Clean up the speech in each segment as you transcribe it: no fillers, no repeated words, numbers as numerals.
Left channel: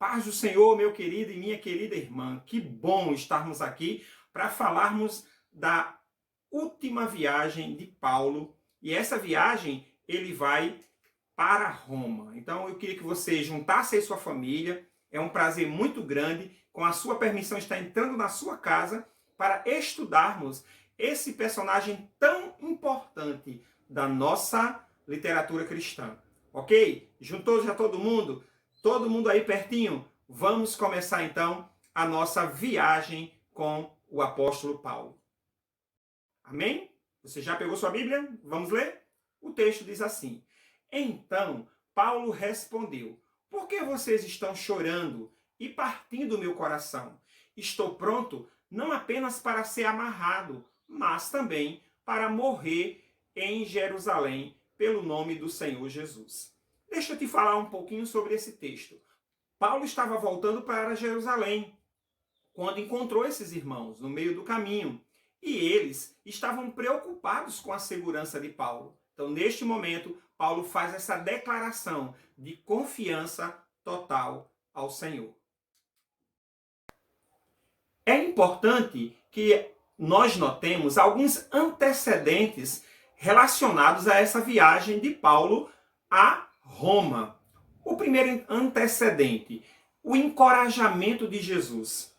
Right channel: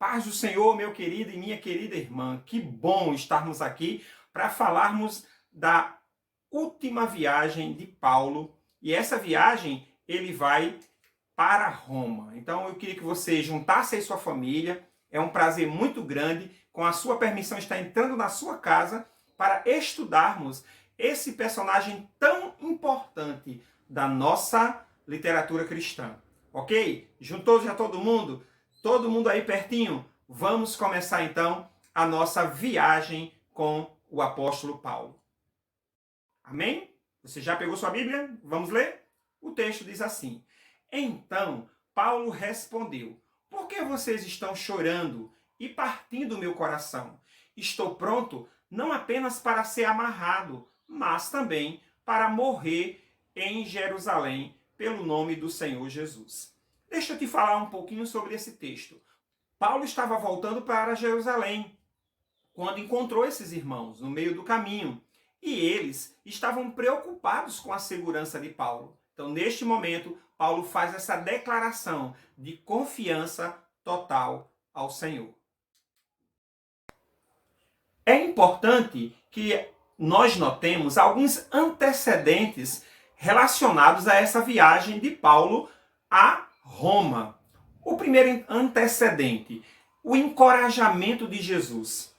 Paz do Senhor, meu querido e minha querida irmã. Que bom estarmos aqui para falarmos da última viagem de Paulo. E essa viagem ele vai para Roma. Então eu queria que você juntasse aí sua família. É um prazer muito grande, com a sua permissão, estar entrando na sua casa para estudarmos esse personagem tão importante da nossa literatura cristã. Ok? Juntou já todo mundo? Todo mundo aí pertinho? Vamos começar então a nossa viagem com o apóstolo Paulo. Amém? Você já pegou sua Bíblia? Vamos ler? O texto diz assim: Então Paulo respondeu: Por que vocês estão chorando e partindo o meu coração? Estou pronto não apenas para ser amarrado, mas também para morrer em Jerusalém pelo nome do Senhor Jesus. Deixa eu te falar um pouquinho sobre esse texto. Paulo estava voltando para Jerusalém quando encontrou esses irmãos no meio do caminho. E eles estavam preocupados com a segurança de Paulo. Então, neste momento, Paulo faz essa declaração de confiança total ao Senhor. É importante que nós notemos alguns antecedentes relacionados a essa viagem de Paulo a Roma. O primeiro antecedente, o encorajamento de Jesus.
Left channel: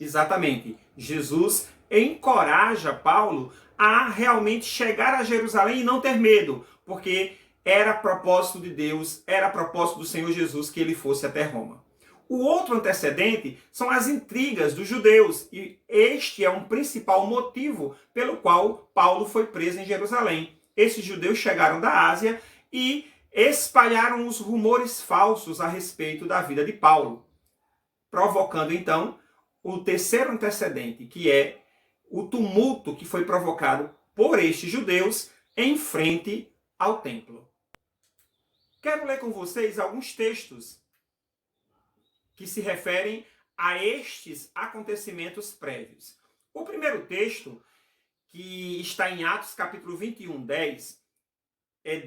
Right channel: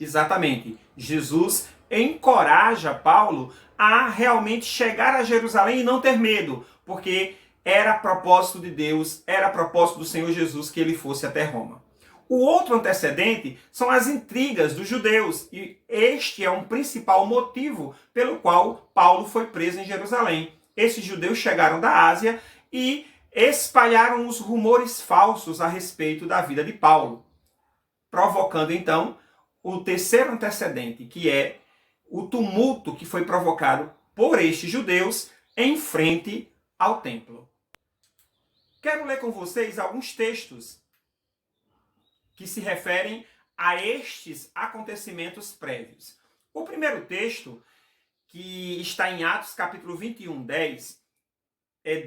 Exatamente, Jesus encoraja Paulo a realmente chegar a Jerusalém e não ter medo, porque era propósito de Deus, era propósito do Senhor Jesus que ele fosse até Roma. O outro antecedente são as intrigas dos judeus, e este é um principal motivo pelo qual Paulo foi preso em Jerusalém. Esses judeus chegaram da Ásia e espalharam os rumores falsos a respeito da vida de Paulo, provocando então o terceiro antecedente, que é o tumulto que foi provocado por estes judeus em frente ao templo. Quero ler com vocês alguns textos que se referem a estes acontecimentos prévios. O primeiro texto, que está em Atos capítulo 21, 10, é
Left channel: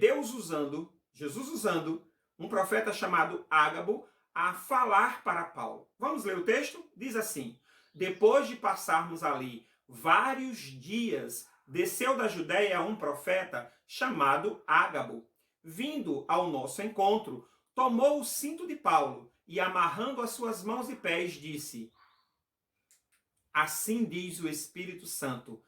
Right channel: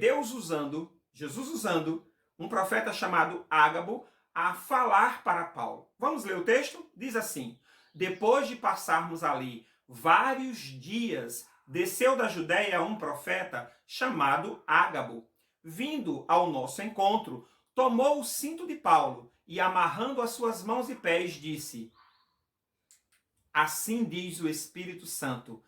Jesus usando um profeta chamado Ágabo a falar para Paulo. Vamos ler o texto? Diz assim: Depois de passarmos ali vários dias, desceu da Judéia um profeta chamado Ágabo. Vindo ao nosso encontro, tomou o cinto de Paulo e, amarrando as suas mãos e pés, disse: Assim diz o Espírito Santo,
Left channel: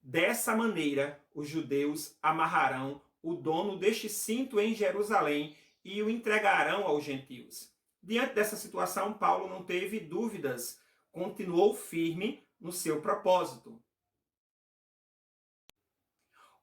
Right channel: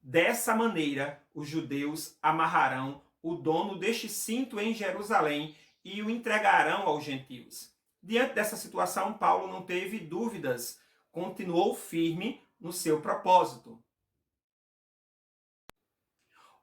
dessa maneira os judeus amarrarão o dono deste cinto em Jerusalém e o entregarão aos gentios. Diante dessa situação, Paulo não teve dúvidas, continuou firme no seu propósito.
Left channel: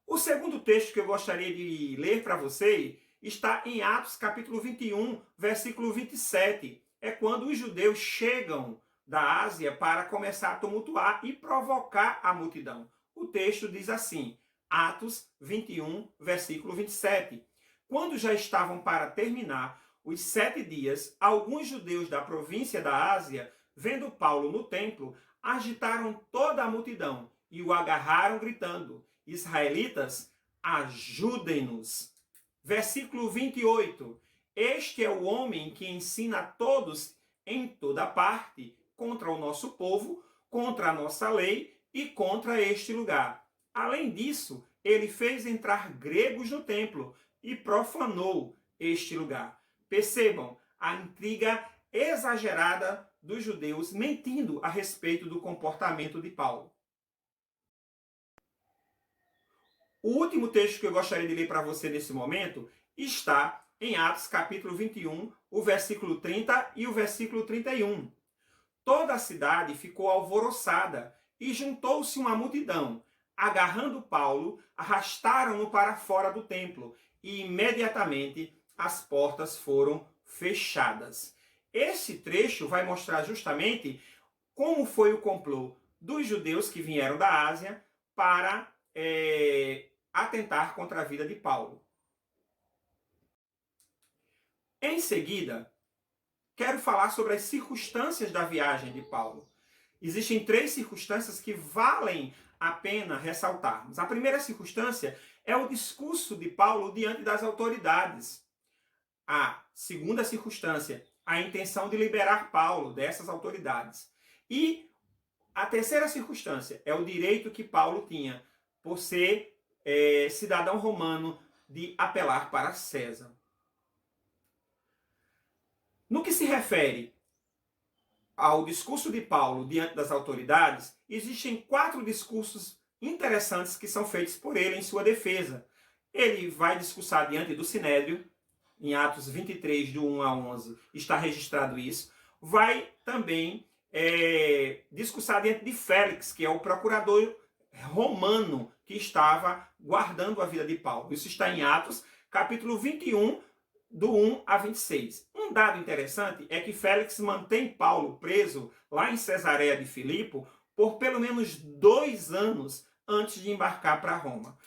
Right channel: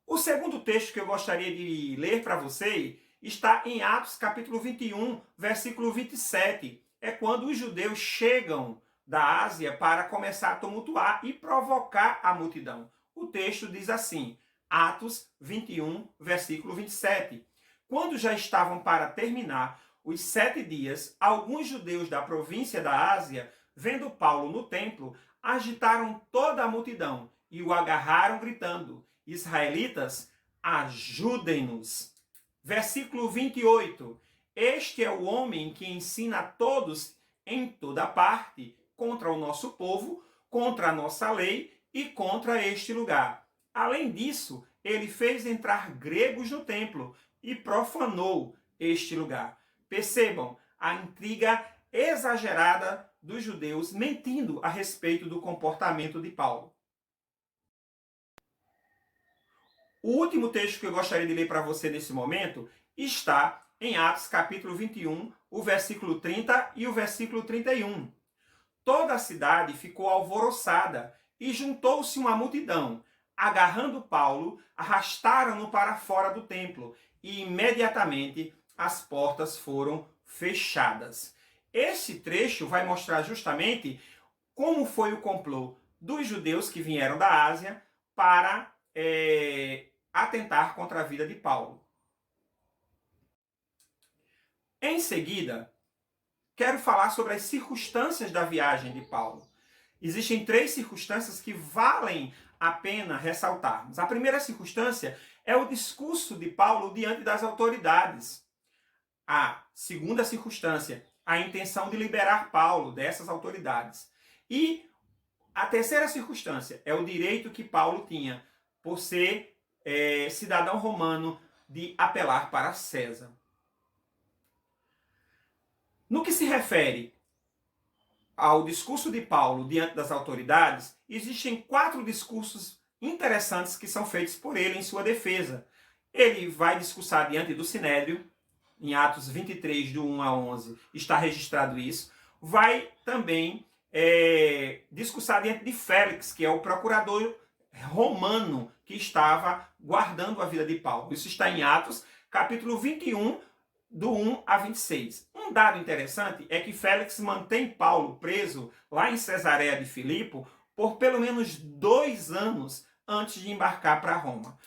O segundo texto que eu gostaria de ler para você está em Atos capítulo 21, versículo 27. É quando os judeus chegam da Ásia para começar a tumultuar e provocar a multidão. O texto diz assim, Atos 21, versículo 27. Quando já estavam para terminar os 7 dias, alguns judeus da província da Ásia, vendo Paulo no templo, agitaram toda a multidão e o agarraram gritando: Israelitas, ajudem-nos. Versículo 28. Este é o homem que ensina a todos em toda parte contra o nosso povo, contra a nossa lei e contra este lugar. Além disso, ele fez entrar gregos no templo e profanou este lugar. Percebam a intriga exagerada dos judeus mentindo a respeito do comportamento de Paulo. O último texto que eu gostaria de ler para você nesse momento está em Atos capítulo 21, o versículo 30 e o versículo 31. Toda a cidade ficou alvoroçada e juntou-se uma multidão. Agarrando Paulo, arrastaram-no para fora do templo e imediatamente as portas foram fechadas. Esse trecho vai mostrar justamente como foi o complô dos judeus que vieram da Ásia para atentar contra a vida de Paulo. Em seguida, quero falar sobre as circunstâncias da viagem de Paulo. Existem 3 circunstâncias que valem a pena ressaltarmos. A primeira circunstância é o discurso de Paulo diante das autoridades. A segunda circunstância, a intenção de liberar Paulo dessas autoridades. E a terceira circunstância é o direito que Paulo tinha, por ser cidadão romano, de apelar para César. No que se refere ao discurso de Paulo diante das autoridades, existem 4 discursos interessantes que são feitos por ele em sua defesa. Ele vai discursar diante do Sinédrio, em Atos 23, do 1 a 11, está registrado isso. Vai também discursar diante de Félix, que é o procurador romano que estava guardando a vida de Paulo. Isso está em Atos, capítulo 21, do 1 a 26. Um dado interessante é que Félix mantém Paulo preso lá em Cesareia de Filipe por pelo menos 2 anos antes de embarcar para Roma.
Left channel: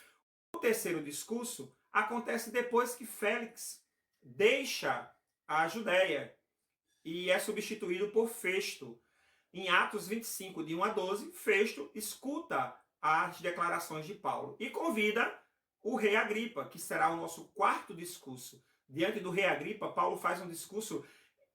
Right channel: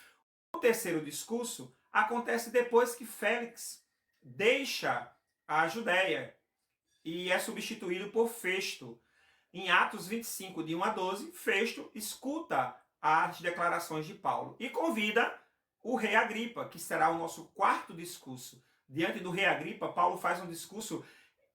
O terceiro discurso acontece depois que Félix deixa a Judéia e é substituído por Festo. Em Atos 25, de 1 a 12, Festo escuta as declarações de Paulo e convida o rei Agripa, que será o nosso 4º discurso. Diante do rei Agripa, Paulo faz um discurso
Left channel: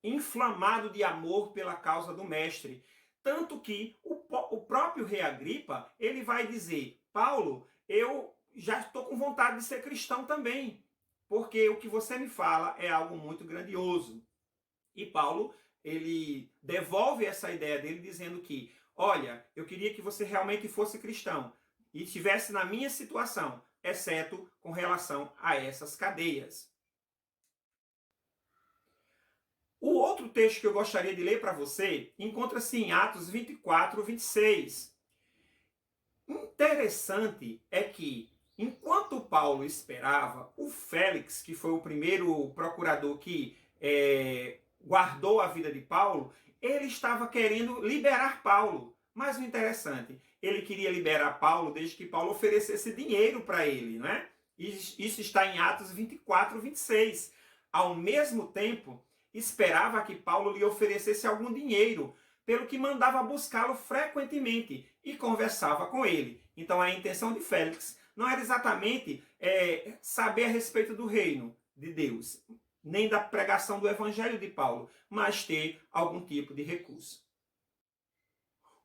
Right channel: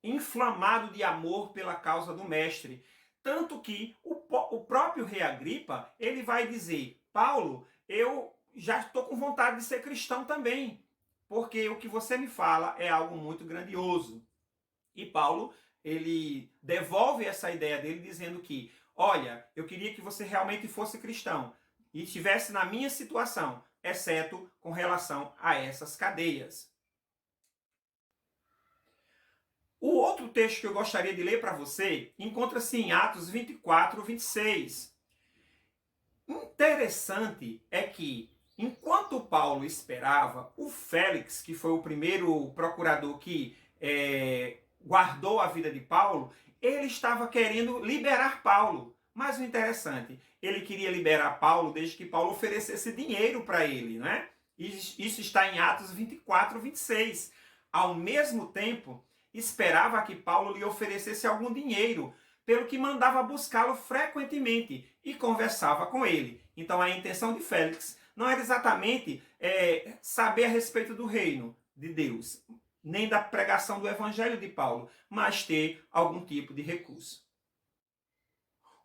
inflamado de amor pela causa do mestre. Tanto que o próprio rei Agripa, ele vai dizer: Paulo, eu já estou com vontade de ser cristão também, porque o que você me fala é algo muito grandioso. E Paulo, ele devolve essa ideia dele dizendo que, olha, eu queria que você realmente fosse cristão e estivesse na minha situação, exceto com relação a essas cadeias. O outro texto que eu gostaria de ler para você encontra-se em Atos 24, 26. Interessante é que, enquanto Paulo esperava, o Félix, que foi o primeiro procurador que guardou a vida de Paulo, ele estava querendo liberar Paulo. Mas o interessante, ele queria liberar Paulo desde que Paulo oferecesse dinheiro para ele, né? Isso está em Atos 24, 26. Ao mesmo tempo, esperava que Paulo lhe oferecesse algum dinheiro, pelo que mandava buscá-lo frequentemente e conversava com ele. Então a intenção de Félix não era exatamente saber a respeito do reino de Deus, nem da pregação do evangelho de Paulo, mas ter algum tipo de recurso.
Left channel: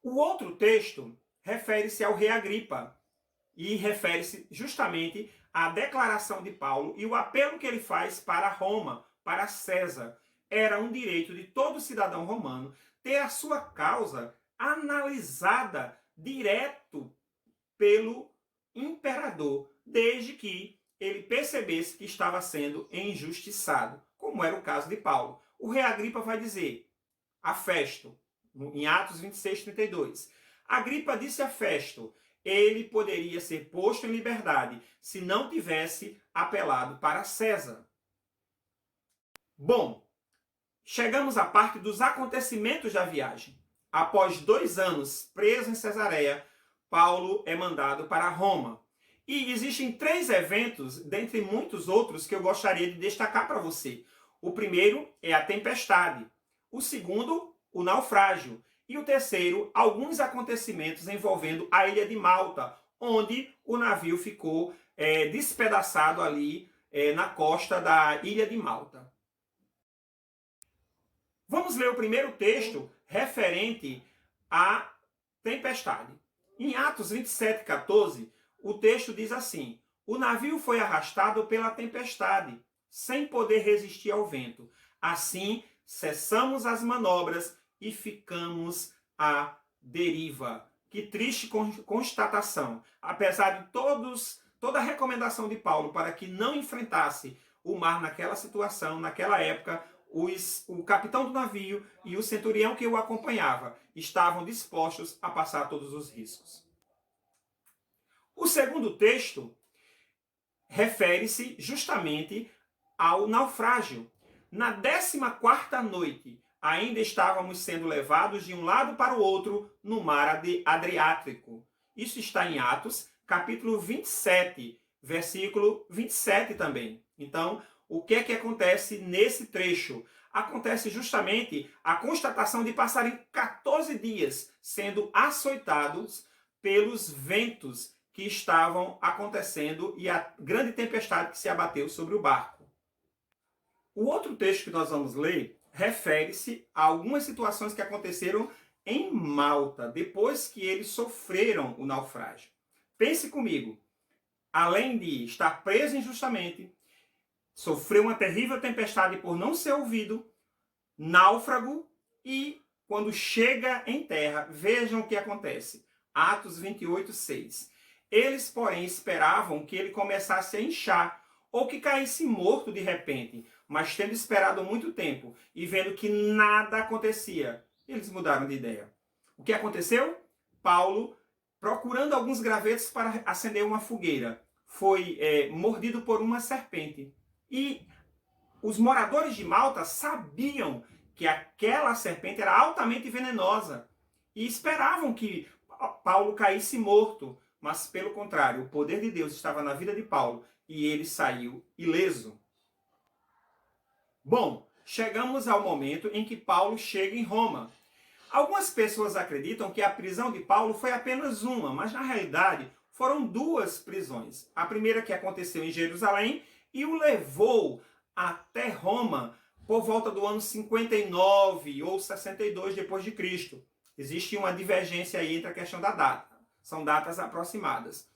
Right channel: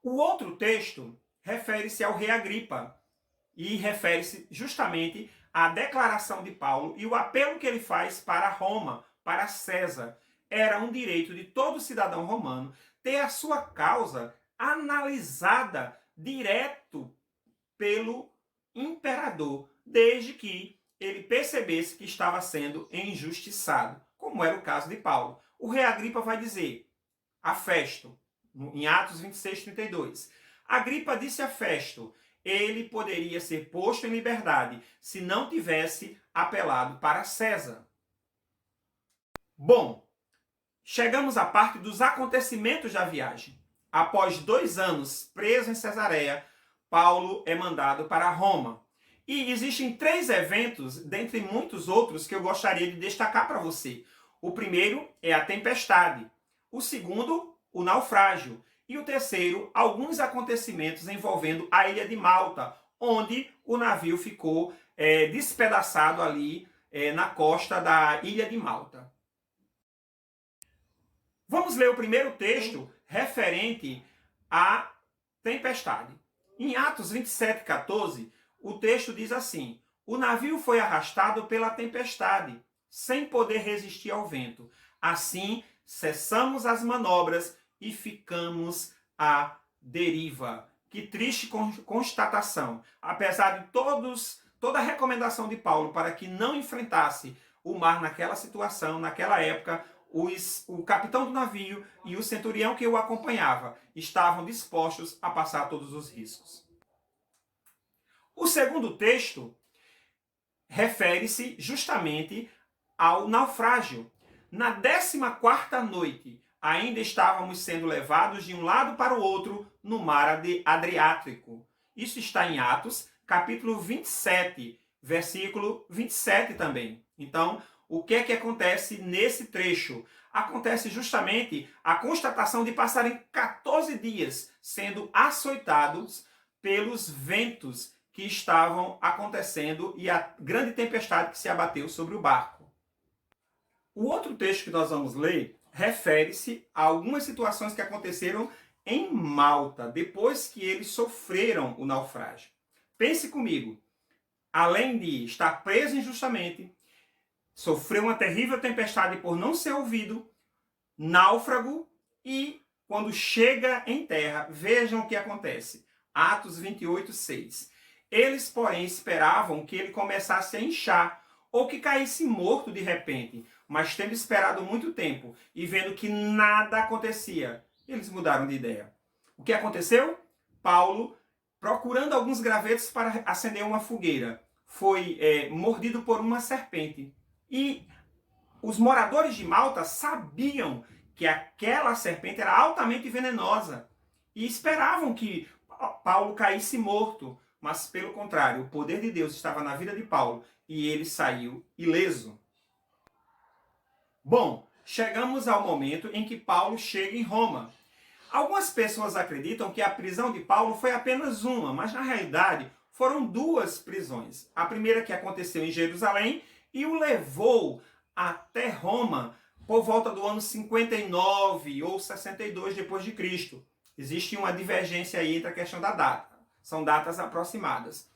O outro texto refere-se ao rei Agripa e refere-se justamente à declaração de Paulo e o apelo que ele faz para Roma, para César. Era um direito de todo cidadão romano ter a sua causa analisada direto pelo imperador, desde que ele percebesse que estava sendo injustiçado, como era o caso de Paulo. O rei Agripa vai dizer a Festo, em Atos 26, 32, Agripa disse a Festo, ele poderia ser posto em liberdade se não tivesse apelado para César. Bom, chegamos à parte dos acontecimentos da viagem. Após 2 anos preso em Cesareia, Paulo é mandado para Roma. E existem 3 eventos, dentre muitos outros, que eu gostaria de destacar para você. O primeiro é a tempestade. O segundo, o naufrágio. E o terceiro, alguns acontecimentos envolvendo a ilha de Malta, onde o navio ficou despedaçado ali na costa da ilha de Malta. Vamos ler o primeiro texto referente à tempestade. Em Atos 27, 14, o texto diz assim: o navio foi arrastado pela tempestade, sem poder resistir ao vento. Assim, cessamos as manobras e ficamos à deriva. Que triste constatação. Apesar de toda a recomendação de Paulo para que não enfrentasse o mar naquela situação, naquela época, o capitão do navio e o centurião que o acompanhava estavam dispostos a passar todos os riscos. O segundo texto refere-se justamente ao naufrágio. Na 14ª noite, ainda estávamos sendo levados de um lado para o outro no mar Adriático. Isso está em Atos, capítulo 27, versículo 27 também. Então, o que é que acontece nesse trecho? Acontece justamente a constatação de passarem 14 dias sendo açoitados pelos ventos que estavam acontecendo e a grande tempestade que se abateu sobre o barco. O outro texto que nós vamos ler refere-se a algumas situações que aconteceram em Malta, depois que eles sofreram o naufrágio. Pense comigo, além de estar preso injustamente, sofreu uma terrível tempestade por não ser ouvido, náufrago, e quando chega em terra, vejam o que acontece. Atos 28, 6. Eles, porém, esperavam que ele começasse a inchar ou que caísse morto de repente, mas tendo esperado muito tempo e vendo que nada acontecia, eles mudaram de ideia. O que aconteceu? Paulo, procurando alguns gravetos para acender uma fogueira, foi mordido por uma serpente. E os moradores de Malta sabiam que aquela serpente era altamente venenosa e esperavam que Paulo caísse morto, mas pelo contrário, o poder de Deus estava na vida de Paulo e ele saiu ileso. Bom, chegamos ao momento em que Paulo chega em Roma. Algumas pessoas acreditam que a prisão de Paulo foi apenas uma, mas na realidade foram duas prisões. A primeira que aconteceu em Jerusalém e o levou até Roma por volta do ano 59 ou 62 depois de Cristo. Existe uma divergência aí entre a questão da data. São datas aproximadas.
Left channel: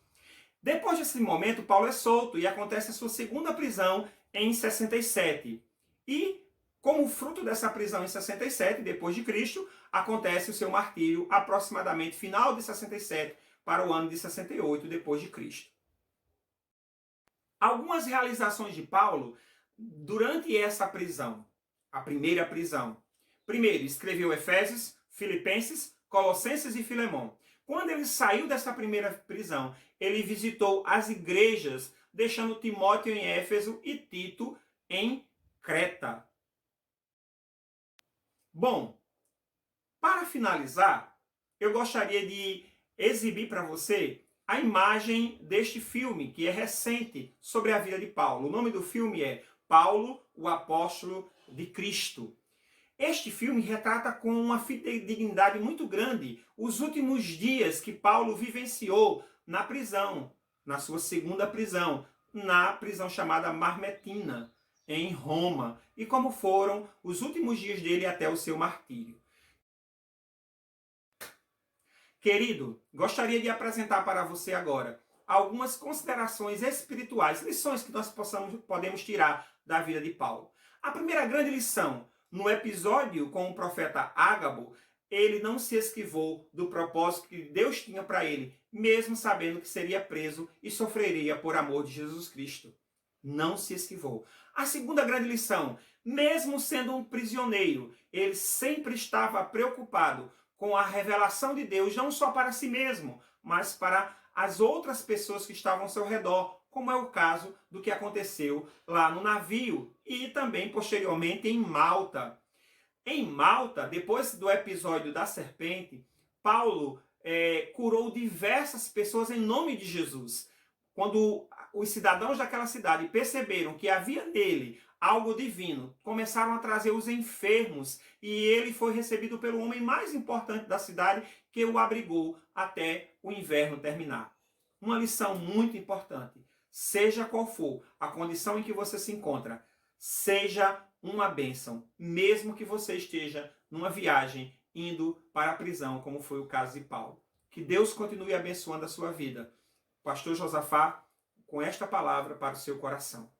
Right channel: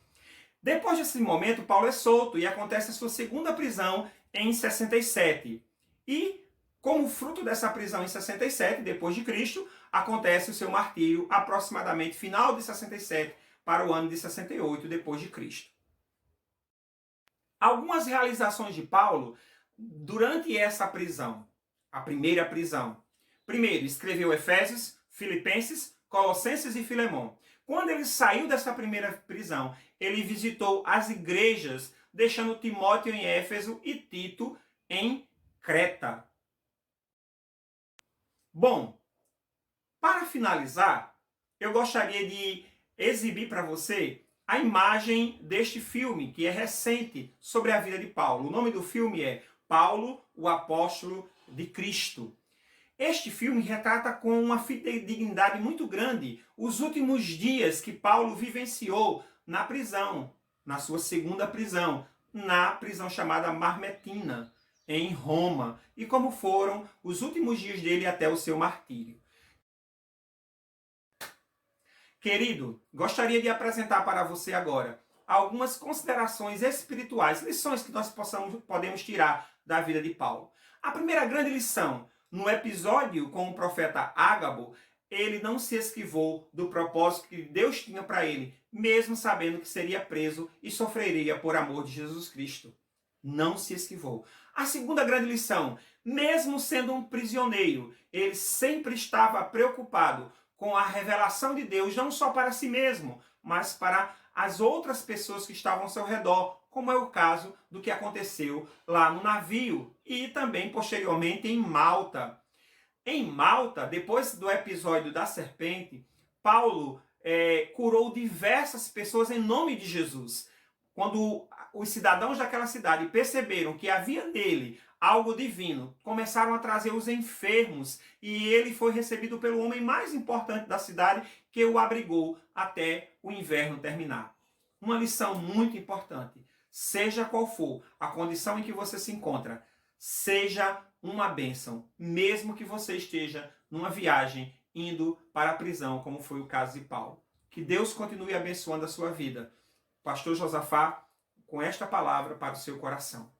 Depois desse momento, Paulo é solto e acontece a sua segunda prisão em 67. E, como fruto dessa prisão em 67, depois de Cristo, acontece o seu martírio aproximadamente final de 67 para o ano de 68 depois de Cristo. Algumas realizações de Paulo durante essa prisão, a primeira prisão. Primeiro, escreveu Efésios, Filipenses, Colossenses e Filemão. Quando ele saiu dessa primeira prisão, ele visitou as igrejas, deixando Timóteo em Éfeso e Tito em Creta. Bom, para finalizar, eu gostaria de exibir para você a imagem deste filme, que é recente, sobre a vida de Paulo. O nome do filme é Paulo, o Apóstolo de Cristo. Este filme retrata com uma fidedignidade muito grande os últimos dias que Paulo vivenciou na prisão, na sua segunda prisão, na prisão chamada Marmetina, em Roma, e como foram os últimos dias dele até o seu martírio. Querido, gostaria de apresentar para você agora algumas considerações espirituais, lições que nós podemos tirar da vida de Paulo. A primeira grande lição, no episódio com o profeta Ágabo, ele não se esquivou do propósito que Deus tinha para ele, mesmo sabendo que seria preso e sofreria por amor de Jesus Cristo. Não se esquivou. A segunda grande lição, mesmo sendo um prisioneiro, ele sempre estava preocupado com a revelação de Deus, não só para si mesmo, mas para as outras pessoas que estavam ao seu redor, como é o caso do que aconteceu lá no navio e também posteriormente em Malta. Em Malta, depois do episódio da serpente, Paulo curou diversas pessoas em nome de Jesus. Quando os cidadãos daquela cidade perceberam que havia nele algo divino, começaram a trazer os enfermos e ele foi recebido pelo homem mais importante da cidade, que o abrigou até o inverno terminar. Uma lição muito importante. Seja qual for a condição em que você se encontra, seja uma bênção, mesmo que você esteja numa viagem indo para a prisão, como foi o caso de Paulo. Que Deus continue abençoando a sua vida. Pastor Josafá, com esta palavra para o seu coração.